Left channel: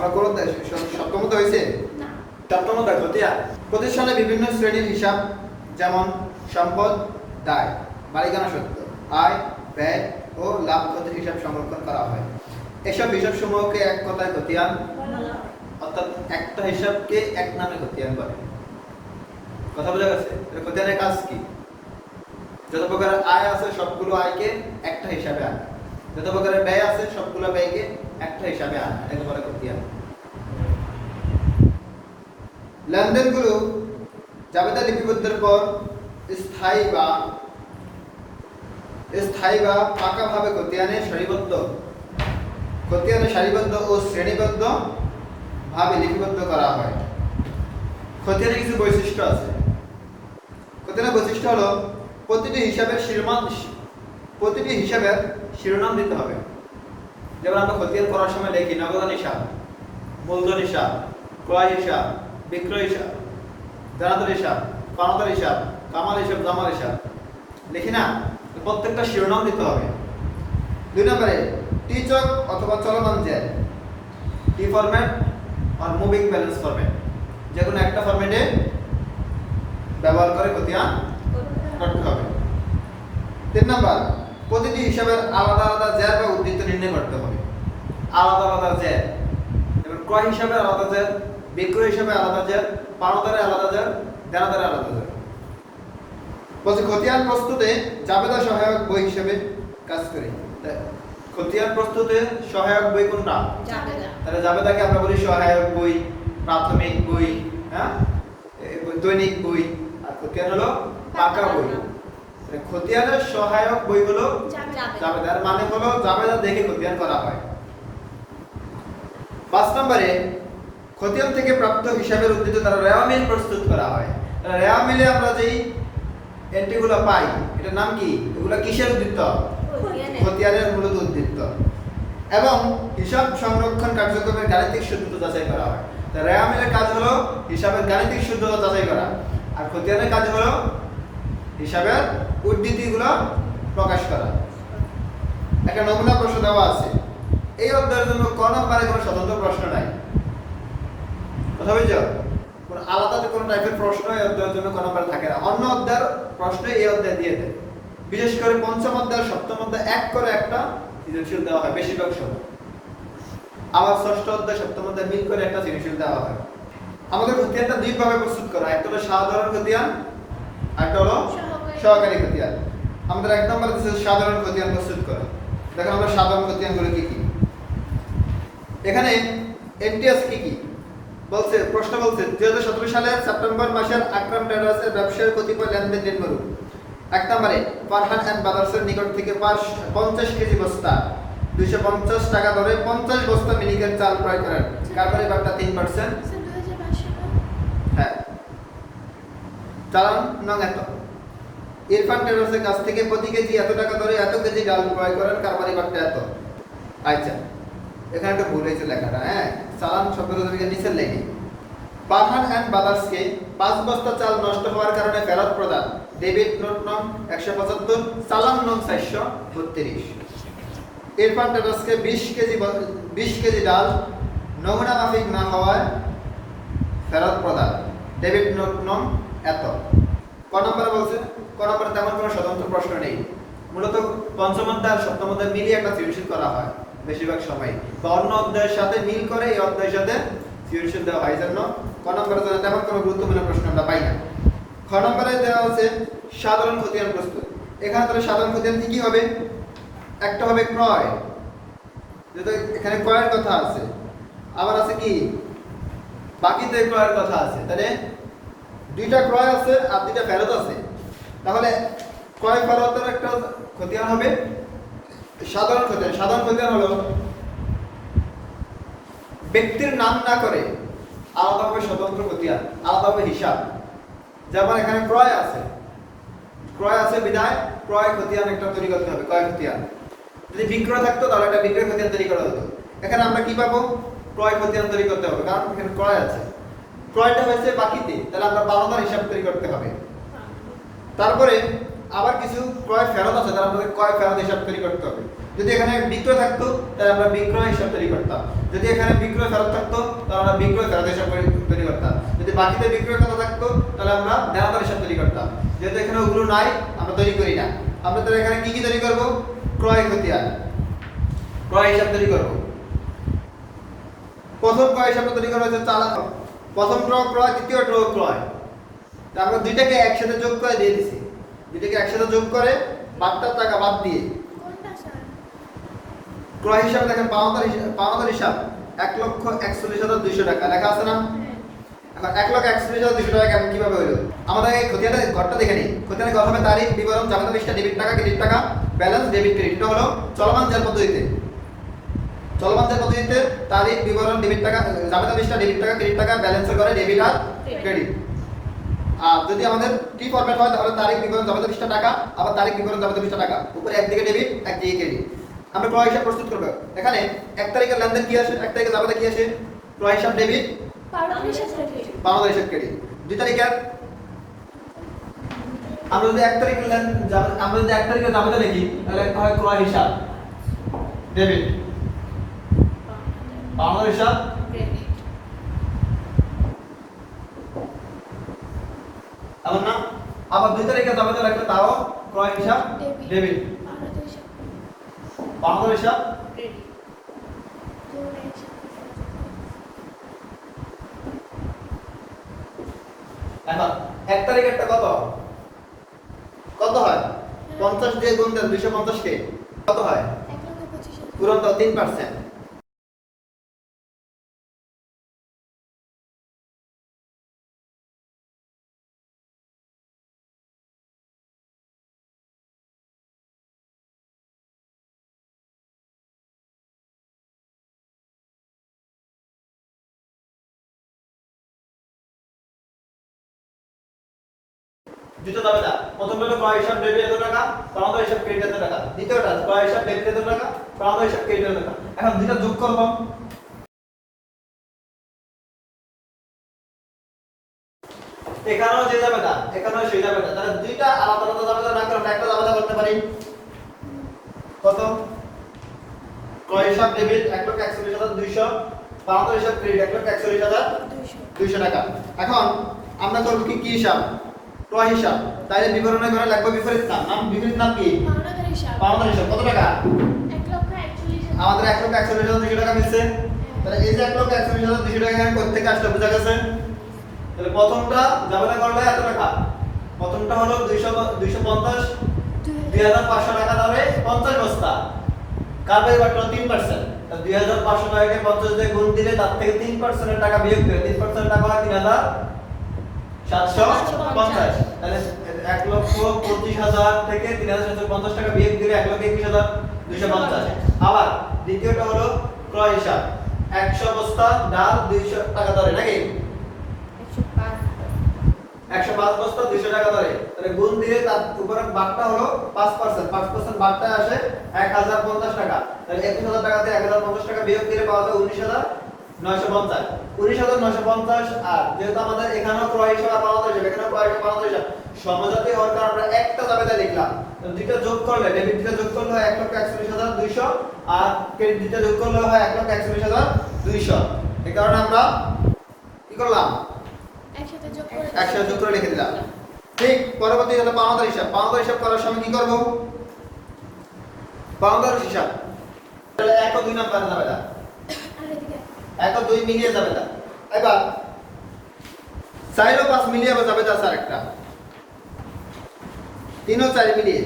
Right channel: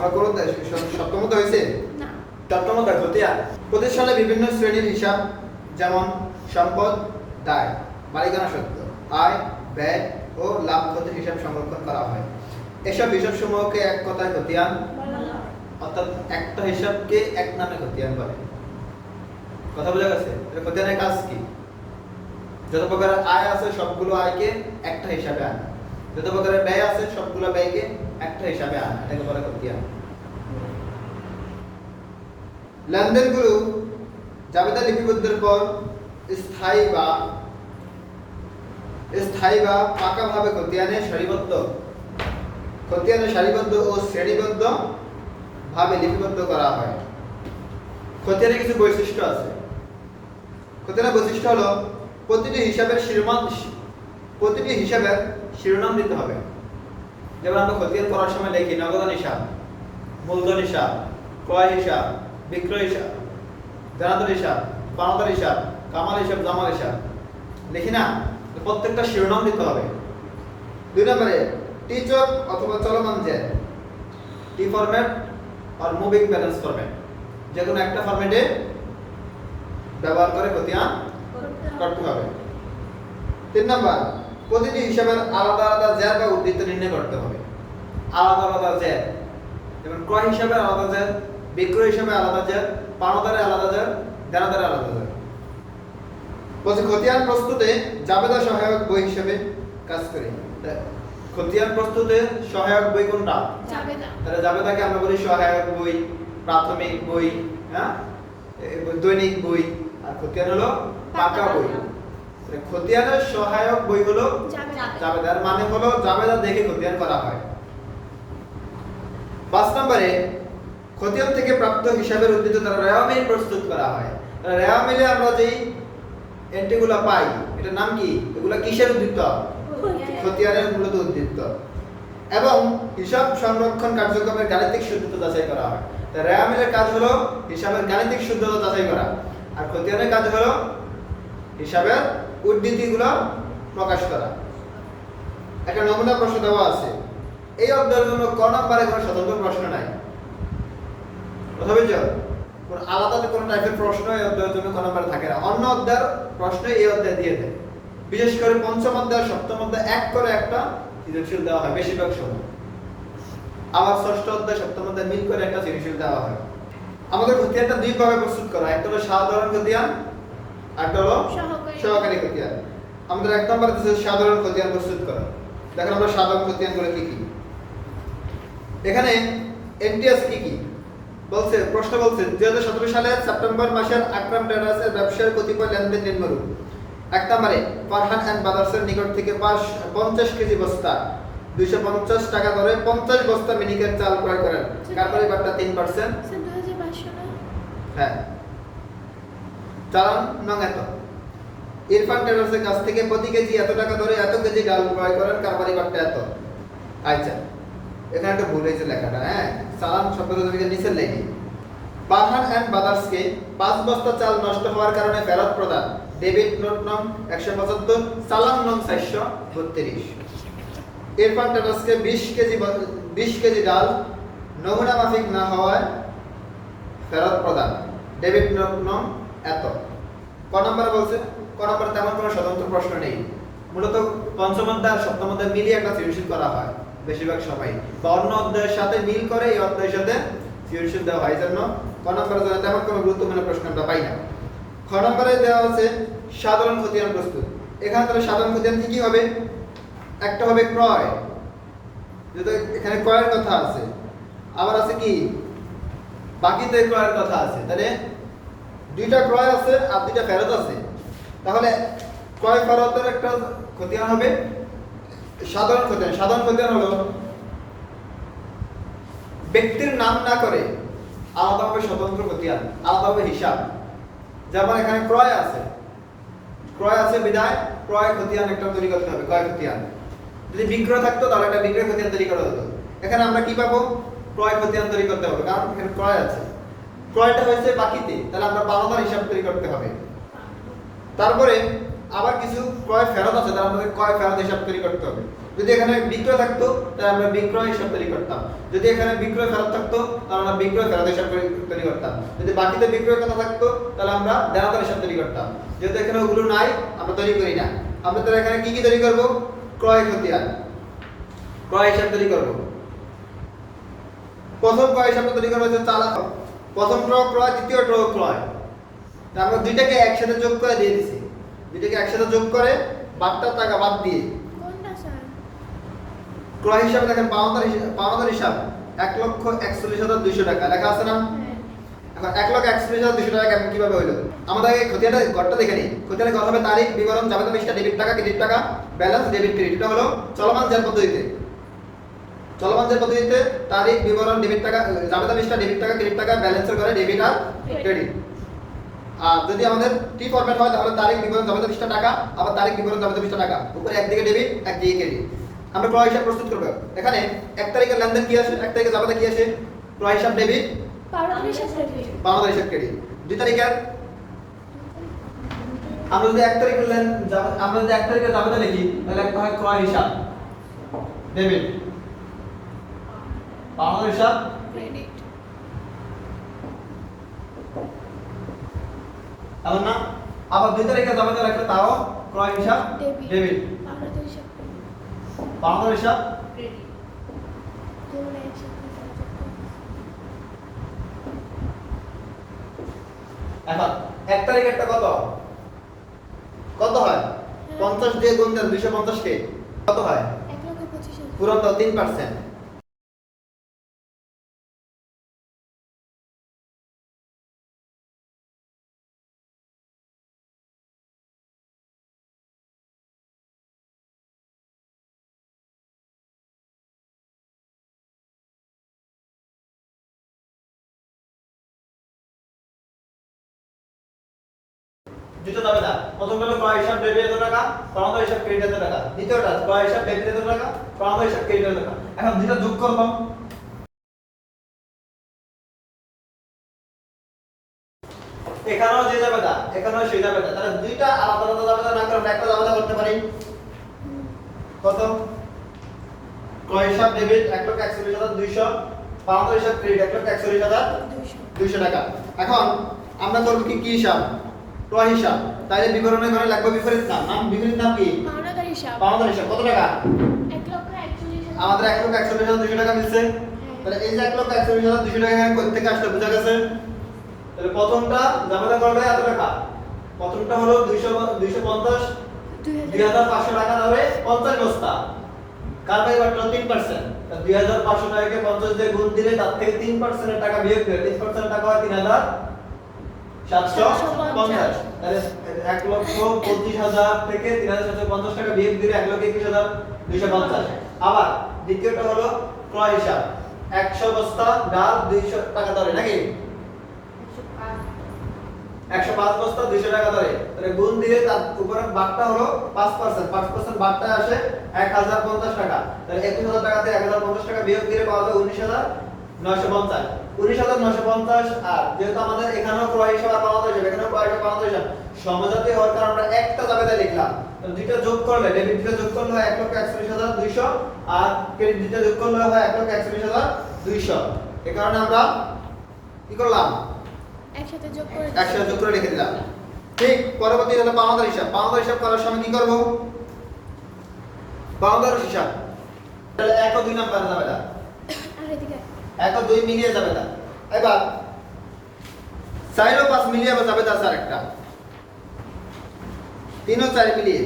আমরা কোন সপ্তমত হয়েছে সপ্তমত খতিয়ান। প্রতিষ্ঠানে বিভিন্ন শ্রেণীর হিসাব যেমন সম্পদ, দায়, মালিকানা সত্ত্ব, আয়, ব্যয় ও লাভ ক্ষতির হিসাব সংরক্ষণ করা হয়। এসব হিসাব সমূহকে এক কথায় খতিয়ান, অর্থাৎ একটা হিসাবকে এক নামে খতিয়ান বলে। কথা বোঝা গেছে? খতিয়ানের কাজ কি? যত প্রকারের আয় আছে সবগুলো আয়কে একটা হিসাবে আনা, যত প্রকারের ব্যয় আছে সবগুলো ব্যয়কে একটা হিসাবে আনা, এটাকে বলে খতিয়ান। লেনদেনগুলো জাবেদা লিপিবদ্ধের পর স্থায়ী বা পাকাভাবে খতিয়ানে সারিবদ্ধ ও শ্রেণীবদ্ধ ভাবে লিপিবদ্ধ করা হয়। খতিয়ানের কিছু বৈশিষ্ট্য আছে। খতিয়ানের বৈশিষ্ট্য হলো প্রতিটি হিসাবের শিরোনাম দিতে হবে। যেমন আমরা খতিয়ান করার সময় লিখি নগদান হিসাব, মূলধন হিসাব, ক্রয় হিসাব, বিক্রয় হিসাব, দেনাদার হিসাব, পাওনাদার হিসাব, কামাল হিসাব, জামাল হিসাব লিখি না? প্রত্যেকটা শিরোনাম দিতে হবে। 2 নম্বরে টিচক অথবা চলমান জ্যাদ, টি ফরম্যাট আর মুভিং ব্যালেন্স ফরম্যাট, যে কোনো একটা ফরম্যাটে ব্যবহার করে খতিয়ান করতে হবে। 3 নম্বর প্রতিটি হিসাবের আলাদা আলাদা জ্যাদ বা উদ্ধৃত নির্ণয় করতে হবে। আলাদা আলাদা জ্যাদ, যেমন ক্রয় হিসাবে আলাদা জ্যাদ, বিক্রয় হিসাবে আলাদা জ্যাদ, পাওনাদারে আলাদা জ্যাদ, দেনাদারে আলাদা জ্যাদ। বলছে খতিয়ান প্রস্তুতে জাবেদা সহায়ক বই হিসেবে কাজ করে। খতিয়ান প্রস্তুতে সহায়ক বই কোনটা? জাবেদা। তাহলে জাবেদাকে আমরা বলি সহায়ক বই, প্রাথমিক বই, হ্যাঁ, দৈনিক বই, আর খতিয়ান হলো পাকা বই। খতিয়ানের সহায়ক বই হলো জাবেদার, মানে হলো জাবেদা দেখে খতিয়ান করা হয়। 5 নম্বরে খতিয়ান থেকে প্রাপ্ত হিসাবের উদ্ধৃত দ্বারা রেওয়ামিল প্রস্তুত করা হয়। রেওয়ামিলে আমরা যেই এন্ট্রিগুলো পাই, এটার নাম কি? এগুলো কিসের উদ্ধৃত? খতিয়ানের মূলত উদ্ধৃত। এবং হিসাব সংরক্ষণ কার্যক্রমের গাণিতিক শুদ্ধতা যাচাই করা হয়। তো রেওয়ামিলের কাজ হলো হিসাবের গাণিতিক শুদ্ধতা যাচাই করা, আর খতিয়ানের কাজ হলো হিসাবের উদ্ধৃতিগুলো প্রকাশ করা। একটা নমুনা প্রশ্ন দেওয়া আছে। এই অধ্যায়ের জন্য ক নম্বরে কোনো স্বতন্ত্র প্রশ্ন নাই। কথা বুঝছো? কোনো আলাদা কোনো টাইপের প্রশ্ন এই অধ্যায়ের জন্য ক নম্বরে থাকে না। অন্য অধ্যায়ের প্রশ্ন এই অধ্যায়ে দিয়ে দেয়। বিশেষ করে পঞ্চম অধ্যায়, সপ্তম অধ্যায় এক করে একটা সৃজনশীল দেওয়া হয় বেশিরভাগ সময়। আবার ষষ্ঠ অধ্যায়, সপ্তম অধ্যায় মিল করে একটা সৃজনশীল দেওয়া হয়। আমাদের খতিয়ানটা 2 ভাবে প্রস্তুত করা, একটা হলো সাধারণ খতিয়ান, একটা হলো সহকারী খতিয়ান। আমাদের 1 নম্বরে আছে সাধারণ খতিয়ান প্রস্তুত করা। দেখেন আমরা সাধারণ খতিয়ানগুলো কি কি। এখানে এন্ট্রি আছে কি কি বলছে, প্রশ্ন বলছে 2017 সালের সেপ্টেম্বর মাসের আকরাম ট্রেডার্সের ব্যবসায়ের কতিপয় লেনদেন নিম্নরূপ। 1 নম্বরে ফারহান এন্ড ব্রাদার্সের নিকট থেকে 50 কেজি বস্তা 250 টাকা দরে 50 বস্তা মিনিকেট চাল ক্রয় করেন। কারবারি বাট্টা 3%। হ্যাঁ, চালান নং এত। ইরফান ট্রেডার্সের কাছ থেকে প্রতি কেজি এত টাকা দরে এত কেজি ডাল ক্রয় করেন, কারবারি বাট্টা এত। আচ্ছা, এখানে একটা ভুল হয়েছে লেখাটা। হ্যাঁ, চালান শব্দটা তুমি নিচে লেখি। ফারহান এন্ড ব্রাদার্সকে 5 বস্তা চাল নষ্ট হওয়ার কারণে ফেরত প্রদান। ডেবিট নোট নং 175, চালান নং 432। ইরফান ট্রেডার্সকে 20 কেজি ডাল নমুনা মাফিক না হওয়ায় ফেরত প্রদান। ডেবিট নোট নং এত। ক নম্বরে বলছে? ক নম্বরে তেমন কোনো স্বতন্ত্র প্রশ্ন নেই। মূলত পঞ্চম অধ্যায় আর সপ্তম অধ্যায় মিলিয়ে একটা সৃজনশীল করা হয় বেশিরভাগ সময়, বা অন্য অধ্যায়ের সাথে মিল করে এই অধ্যায়ের সাথে সৃজনশীল দেওয়া হয়। জন্য ক নম্বরে তেমন কোনো গুরুত্বপূর্ণ প্রশ্ন আমরা পাই না। খ নম্বরে দেওয়া আছে সাধারণ খতিয়ান প্রস্তুত। এখানে তাহলে সাধারণ খতিয়ান কি কি হবে? একটা হবে ক্রয়, যেটা এখানে ক্রয়ের কথা আছে, আবার আছে কি বাকিতে ক্রয়ের কথা আছে। তাহলে 2টা ক্রয় আছে আর 2টা ফেরত আছে। তাহলে ক্রয় ফেরতের একটা খতিয়ান হবে সাধারণ খতিয়ান। সাধারণ খতিয়ান হলো ব্যক্তির নাম না করে আলাদাভাবে স্বতন্ত্র খতিয়ান, আলাদাভাবে হিসাব। যেমন এখানে ক্রয় আছে বিদায় ক্রয় খতিয়ান একটা তৈরি করতে হবে, ক্রয় খতিয়ান। যদি বিক্রয় থাকতো তাহলে একটা বিক্রয় খতিয়ান তৈরি করা হতো। এখানে আমরা কি পাবো? ক্রয় খতিয়ান তৈরি করতে হবে, কারণ এখানে ক্রয় আছে। ক্রয়টা হয়েছে বাকিতে, তাহলে আমরা পাওনাদার হিসাব তৈরি করতে হবে। তারপরে আবার কিছু ক্রয় ফেরত আছে, তাহলে আমাদের ক্রয় ফেরত হিসাব তৈরি করতে হবে। যদি এখানে বিক্রয় থাকতো তাহলে আমরা বিক্রয় হিসাব তৈরি করতাম, যদি এখানে বিক্রয় ফেরত থাকতো তাহলে আমরা বিক্রয় ফেরত হিসাব তৈরি করতাম, যদি বাকিতে বিক্রয় কথা থাকতো তাহলে আমরা দেনাদার হিসাব তৈরি করতাম। যেহেতু এখানে ওগুলো নাই আমরা তৈরি করি না, আমরা তাহলে এখানে কি কি তৈরি করব? ক্রয় খতিয়ান, ক্রয় হিসাব তৈরি করব। প্রথম ক্রয় হিসাব তৈরি করব হচ্ছে চালান, প্রথম ড্র ক্রয়, দ্বিতীয় ড্র ক্রয়। আমরা দুইটাকে একসাথে যোগ করে দিয়ে দিছি, দুইটাকে একসাথে যোগ করে বাদটার টাকা বাদ দিয়ে ক্রয় হিসাবে দেখেন পাওনাদার হিসাব 1,41,200 টাকা লেখা আছে না? এখন 1,41,200 টাকা কেমন কিভাবে হলো? আমাদের এই খতিয়ানের ঘরটা দেখে নিই। খতিয়ানের ঘর হবে তারিখ, বিবরণ, জাবেদা পৃষ্ঠা, ডেবিট টাকা, ক্রেডিট টাকা, ব্যালেন্স, ডেবিট ক্রেডিট। এটা হলো চলমান জের পদ্ধতিতে। চলমান জের পদ্ধতিতে তারিখ, বিবরণ, ডেবিট টাকা, জাবেদা পৃষ্ঠা, ডেবিট টাকা, ক্রেডিট টাকা, ব্যালেন্সের ঘরে ডেবিট আর ক্রেডিট। আর যদি আমাদের টি ফরম্যাট হয় তাহলে তারিখ, বিবরণ, জাবেদা পৃষ্ঠা, টাকা, আবার তারিখ, বিবরণ, জাবেদা পৃষ্ঠা, টাকা, উপরে একদিকে ডেবিট একদিকে ক্রেডিট। আমরা ক্রয় হিসাব প্রস্তুত করব। এখানে 1 তারিখের লেনদেন কি আসে, 1 তারিখে জাবেদা কি আসে? ক্রয় হিসাব ডেবিট, পাওনাদার হিসাব ক্রেডিট। 2 তারিখের আমরা যদি 1 তারিখের আমরা যদি 1 তারিখের জাবেদা লিখি তাহলে একটা হয় ক্রয় হিসাব ডেবিট, পাওনাদার হিসাব ক্রেডিট। এমন না? আবার 2 তারিখের জাবেদা লিখলে তাও ক্রয় হিসাব ডেবিট, পাওনাদার হিসাব ক্রেডিট। এখন 1 তারিখেরটা কত কত হয়? 50 দিয়ে গুণ দেন 250 কে কত হয়? পূরণ দাও 3%। দ্বিতীয় দাবিদার প্রথমটা ক্রয় হিসাব ডেবিট এত টাকা, পাওনাদার হিসাব ক্রেডিট এত টাকা। দ্বিতীয়টা ক্রয় হিসাব ডেবিট এত টাকা, পাওনাদার হিসাব ক্রেডিট এত টাকা। এখন দুইটা যোগ করব, এখানেও যে দাবিদার এখানেও সেই দাবিদার, তাহলে দুইটা আলাদা আলাদা দাবিদার না করে একটা দাবিদার করতে পারি। প্রথম ক্রয় হিসাব ডেবিট 1,41,200, পাওনাদার হিসাব ক্রেডিট 1,41,200 টাকা। এখন আমরা করব কি কি হিসাব? ক্রয় হিসাব। তাহলে বিবরণের ঘরে লাগবে বিপরীত নাম। বিপরীত নাম কি? পাওনাদার হিসাব। পাওনাদার হিসাব কত টাকা? 1,41,000। আমাদের 1,41,200 টাকা মিলছে। তাহলে এই যে 1,41,200 টাকা এখানে কত থেকে আসলে বোঝা গেছে? তাহলে প্রথমটা জাবেদা করবে এত টাকা, প্রথমটা হলো 250 2500 টাকা ধরে 50 বস্তা, কার পরিবর্তন 3%। তাহলে 2500 টাকাকে 50 দিয়ে গুণ দিলে তার থেকে 3% এর টাকা বিয়োগ করে 3% টাকা হয় 3,750। তাহলে 1,25,000 থেকে 3,750 টাকা বিয়োগ দিলে 1,21,250। আবার দ্বিতীয়টা হলো ক্রয় হিসাব 100 বস্তা ডাল 200 টাকা ধরে নাকি? 105 বস্তা 200 টাকা ধরে। তাহলে গুণ দিলে তার উপরে বারটা হলো 5%, 5% বারটা আসে 1,050 টাকা। তাহলে 21,000 টাকা থেকে 1,050 টাকা বিয়োগ দিলে পাওয়া যায় 19,950। 19,950। আর যেহেতু আমাদের এখানেও ক্রয় হিসাব আর পাওনাদার হিসাব, এখানেও ক্রয় হিসাব পাওনাদার হিসাব সমজাতীয় হওয়ার কারণে আমরা একটা জাবেদা লিখলাম। দুইটা যোগ করলে ডেবিট দুইটা যোগ করলে হয় 1,41,200 আর ক্রেডিট দুইটা যোগ করলে হয় 1,41,200। এই কারণে আমরা কি করলাম? একসাথে যোগ করে লিখে দিলাম। ঠিক পরবর্তী হলো পাওনাদার হিসাব। পাওনাদার হিসাব করার সময় কি করব? পাওনাদার হিসাব তাহলে 1 ও 2 নাম্বার জাবেদা, 1 ও 2 মিলিয়ে জাবেদা। এবার 4 ও 5 মিলিয়ে জাবেদা আছে আরেকটা, 3 ও 4 মিলিয়ে।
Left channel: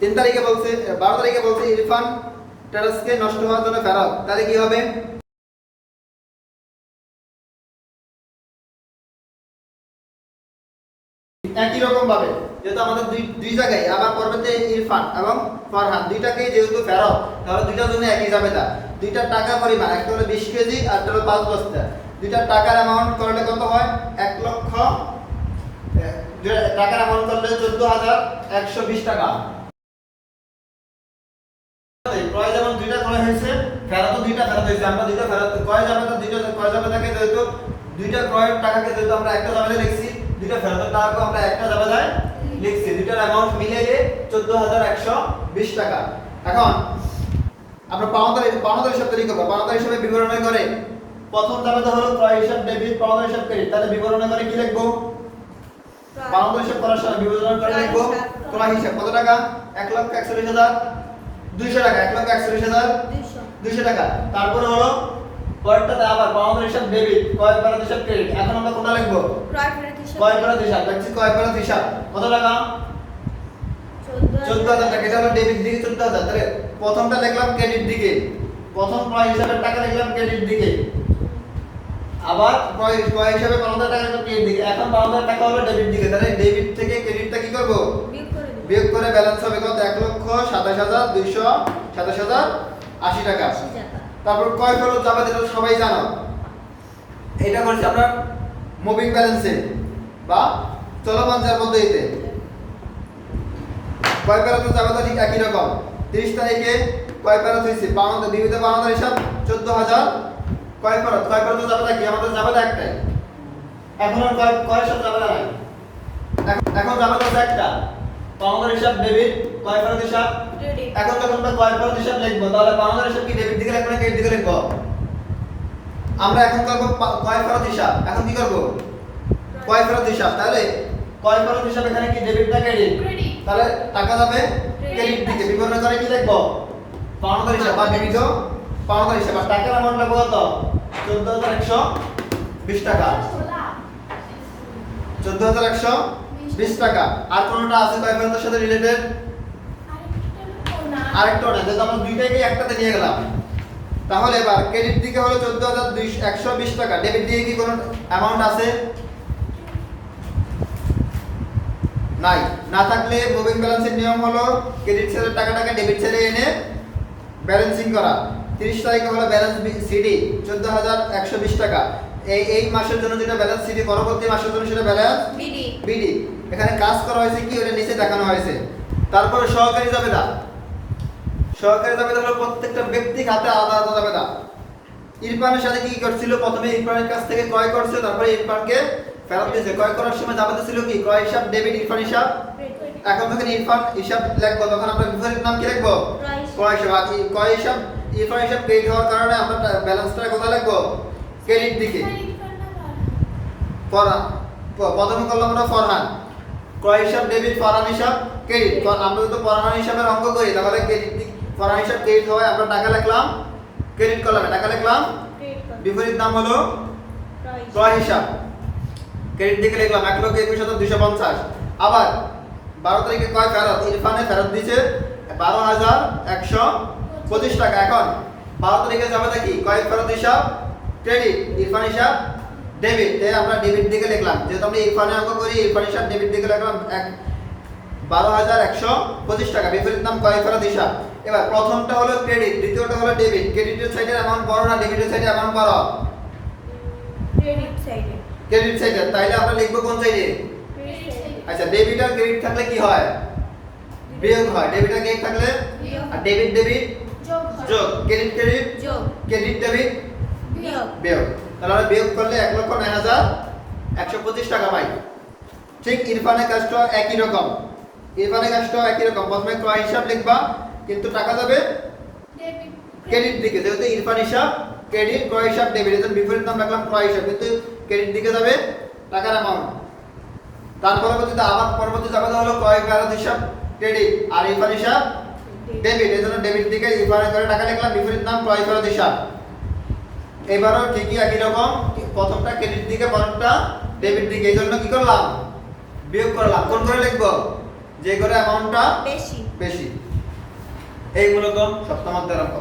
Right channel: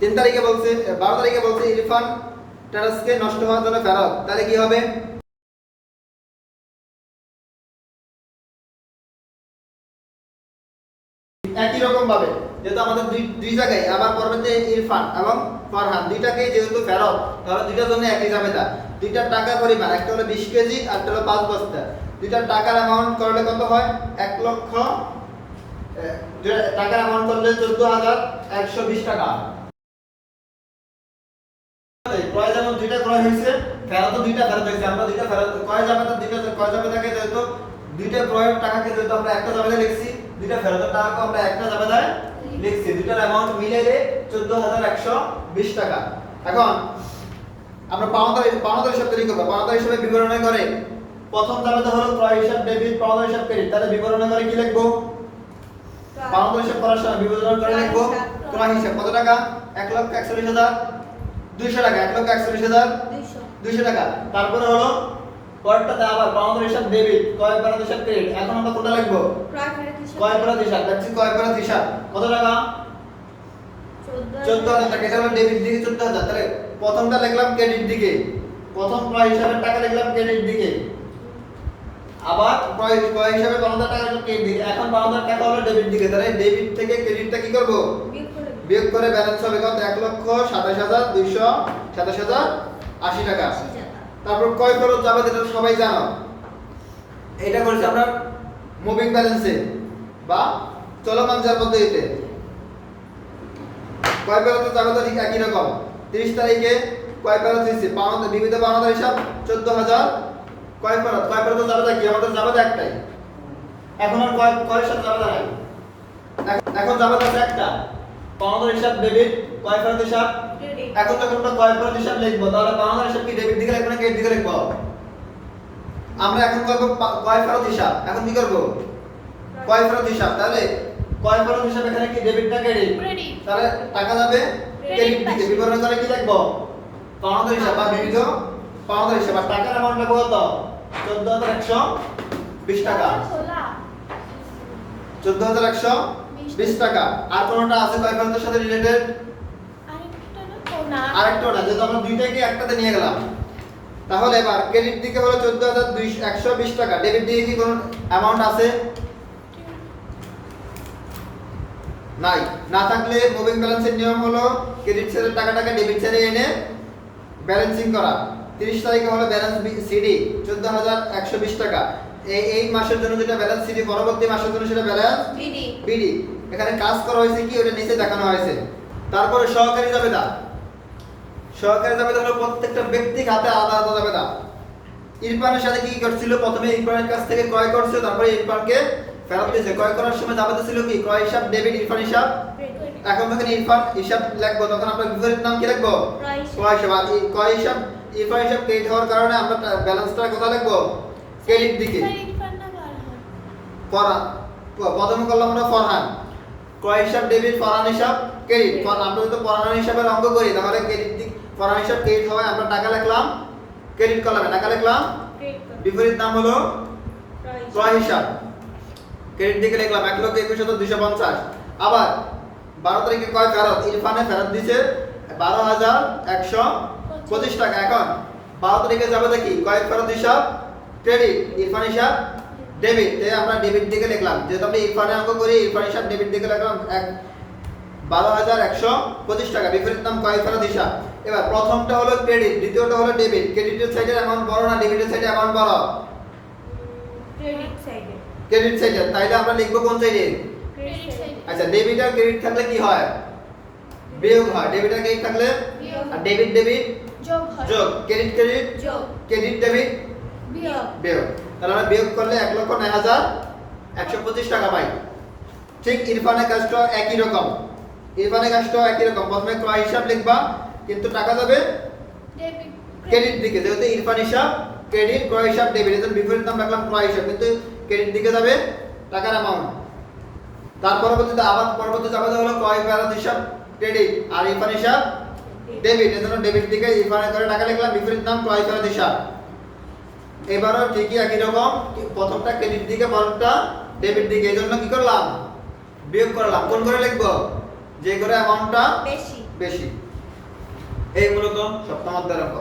3 তারিখে বলছে 12 তারিখে বলছে ইরফান টেরাসকে নষ্ট হওয়ার জন্য ফেরত, তাহলে কি হবে? একই রকম ভাবে যেহেতু আমাদের দুই জায়গায় আবার পরবর্তী ইরফান এবং ফরহান দুইটাকেই যেহেতু ফেরত, তাহলে দুইটার জন্য একই জাবেদা। দুইটার টাকা পরিমাণ, একটা হলো 20 কেজি আর একটা হলো 5 বস্তা। দুইটার টাকার অ্যামাউন্ট করলে কত হয়? 1 লক্ষ টাকার অ্যামাউন্ট করলে 14,120 টাকা। ক্রয় যেমন দুইটা ক্রয় হয়েছে, ফেরত দুইটা ফেরত হয়েছে। আমরা দুইটা ফেরত ক্রয় জাবেদা দুইটা ক্রয় জাবেদাকে যেহেতু দুইটা ক্রয়ের টাকাকে যেহেতু আমরা একটা জাবেদা লিখছি, দুইটা ফেরতের টাকাকে আমরা একটা জাবেদায় লিখছি, দুটার অ্যামাউন্ট মিলাইলে 14120 টাকা। এখন আমরা পাওনাদার হিসাব তৈরি করব। পাওনাদার হিসাবে বিবরণে করে প্রথম ধাপে হলো ক্রয় হিসাব ডেবিট, পাওনাদার হিসাব ক্রেডিট। তাহলে বিবরণে করে কি লিখব? পাওনাদার হিসাব করার সময় বিবরণে করে লিখব ক্রয় হিসাব কত টাকা? 1,41,200 টাকা, 1,41,200 টাকা। তারপরে হলো পরেরটাতে আবার পাওনাদার হিসাব ডেবিট, ক্রয় ফেরত হিসাব ক্রেডিট। এখন আমরা কোনটা লিখব? ক্রয় ফেরত হিসাব। দেখছি ক্রয় ফেরত হিসাব কত টাকা? 14,000 টাকা। এটা হলো ডেবিট দিকে 14,000। তাহলে প্রথমটা লিখলাম ক্রেডিট দিকে, প্রথম ক্রয় হিসাবের টাকা লিখলাম ক্রেডিট দিকে, আবার ক্রয় হিসাবে পাওনাদার টাকা লিখলাম ক্রেডিট দিকে। এখন পাওনাদার টাকা হলো ডেবিট দিকে। তাহলে ডেবিট থেকে ক্রেডিটটা কি করব? বিয়োগ করে ব্যালেন্স হবে কত? 1,27,280 টাকা। তারপর ক্রয় ফেরত যাবে, এটা সবাই জানো। এটা করছি আমরা মুভিং ব্যালেন্সে বা চলমান যার পদ্ধতিতে। ক্রয় ফেরত যাবে তো ঠিক একই রকম। 30 তারিখে ক্রয় ফেরত হয়েছে, পাওনাদার বিবিধ পাওনাদার হিসাব 14,000। ক্রয় ফেরত যাবে কি? আমাদের যাবে একটাই। এখন আর ক্রয়ের সাথে যাবে নাই। এখন যাবে তো একটা, পাওনাদার হিসাব ডেবিট, ক্রয় ফেরত হিসাব ক্রেডিট। এখন যখন আমরা ক্রয় ফেরত হিসাব লিখব, তাহলে পাওনাদার হিসাব কি ডেবিট দিকে লিখব না ক্রেডিট দিকে লিখব? আমরা এখন করব ক্রয় ফেরত হিসাব। এখন কি করব? ক্রয় ফেরত হিসাব। তাহলে ক্রয় ফেরত হিসাব এখানে কি ডেবিট না ক্রেডিট? তাহলে টাকা যাবে ক্রেডিট দিকে। বিবরণে করে কি লিখব? পাওনাদার হিসাব বা বিবিধ পাওনাদার হিসাব। আর টাকার অ্যামাউন্ট লিখব কত? 14,120 টাকা। 14,120 টাকা। আর কোনটা আছে ক্রয় ফেরতের সাথে রিলেটেড? আরেকটা না, যেহেতু আমরা দুইটাকে একটাতে নিয়ে গেলাম। তাহলে এবার ক্রেডিট দিকে হলো 14,120 টাকা, ডেবিট দিকে কি কোনো অ্যামাউন্ট আছে? নাই। না থাকলে মুভিং ব্যালেন্সের নিয়ম হলো ক্রেডিট সেলের টাকাটাকে ডেবিট সেলে এনে ব্যালেন্সিং করা। 30 তারিখে হলো ব্যালেন্স সিডি 14,120 টাকা। এই মাসের জন্য যেটা ব্যালেন্স সিডি, পরবর্তী মাসের জন্য সেটা ব্যালেন্স বিডি। এখানে কাজ করা হয়েছে কি ওটা নিচে দেখানো হয়েছে। তারপরে সহকারী জাবেদা। সহকারী জাবেদা হলো প্রত্যেকটা ব্যক্তির হাতে আলাদা আলাদা জাবেদা। ইরফানের সাথে কি করছিল? প্রথমে ইরফানের কাছ থেকে ক্রয় করছে, তারপরে ইরফানকে ফেরত দিয়েছে। ক্রয় করার সময় জাবেদা ছিল কি? ক্রয় হিসাব ডেবিট, ইরফান হিসাব। এখন যখন ইরফান হিসাব লিখবো তখন আমরা বিপরীত নাম কি লিখবো? ক্রয় হিসাব। আর ক্রয় হিসাব ইরফান হিসাব ক্রেডিট হওয়ার কারণে আমরা ব্যালেন্সটা কোথায় লিখবো? ক্রেডিট দিকে। ফরহান, প্রথমে করলাম আমরা ফরহান। ক্রয় হিসাব ডেবিট, ফরহান হিসাব ক্রেডিট। আমরা যদি ফরহান হিসাবের অঙ্ক করি তাহলে ক্রেডিট দিক ফরহান হিসাব ক্রেডিট হয়, আমরা টাকা লিখলাম ক্রেডিট কলামে, টাকা লিখলাম বিপরীত নাম হলো ক্রয় হিসাব। ক্রেডিট দিকে লিখলাম 1,21,250। আবার 12 তারিখে ক্রয় ফেরত, ইরফানে ফেরত দিয়েছে 12,125 টাকা। এখন 12 তারিখে যাবে দেখি ক্রয় ফেরত হিসাব ক্রেডিট, ইরফান হিসাব ডেবিট। তাই আমরা ডেবিট দিকে লিখলাম, যেহেতু আমরা ইরফানে অঙ্ক করি ইরফান হিসাব ডেবিট দিকে লিখলাম 12,125 টাকা, বিপরীত নাম ক্রয় ফেরত হিসাব। এবার প্রথমটা হলো ক্রেডিট, দ্বিতীয়টা হলো ডেবিট। ক্রেডিটের সাইডের অ্যামাউন্ট বড় না ডেবিটের সাইডে অ্যামাউন্ট বড়? ক্রেডিট সাইডে। তাইলে আমরা লিখবো কোন সাইডে? আচ্ছা, ডেবিট আর ক্রেডিট থাকলে কি হয়? বিয়োগ হয়। ডেবিট আর ক্রেডিট থাকলে আর ডেবিট ডেবিট যোগ, ক্রেডিট ক্রেডিট যোগ, ক্রেডিট ডেবিট বিয়োগ। তাহলে আমরা বিয়োগ করলে 1,09,125 টাকা পাই। ঠিক ইরফানের কাজটাও একই রকম। ইরফানের কাজটাও একই রকম। প্রথমে ক্রয় হিসাব লিখবা, কিন্তু টাকা যাবে ক্রেডিট দিকে, যেহেতু ইরফান হিসাব ক্রেডিট, ক্রয় হিসাব ডেবিট। এজন্য বিপরীত নাম রাখলাম ক্রয় হিসাব, কিন্তু ক্রেডিট দিকে যাবে টাকার অ্যামাউন্ট। তার পরবর্তীতে আবার পরবর্তীতে যাবে হলো ক্রয় ফেরত হিসাব ক্রেডিট আর ইরফান হিসাব ডেবিট। এজন্য ডেবিট দিকে ইরফানের করে টাকা লিখলাম, বিপরীত নাম ক্রয় ফেরত হিসাব। এবারও ঠিকই একই রকম, প্রথমটা ক্রেডিট দিকে, পরেরটা ডেবিট দিকে। এজন্য কি করলাম? বিয়োগ করলাম। কোন করে লিখবো? যে করে অ্যামাউন্টটা বেশি। এই মূলত সপ্তম অধ্যায়ের অঙ্ক।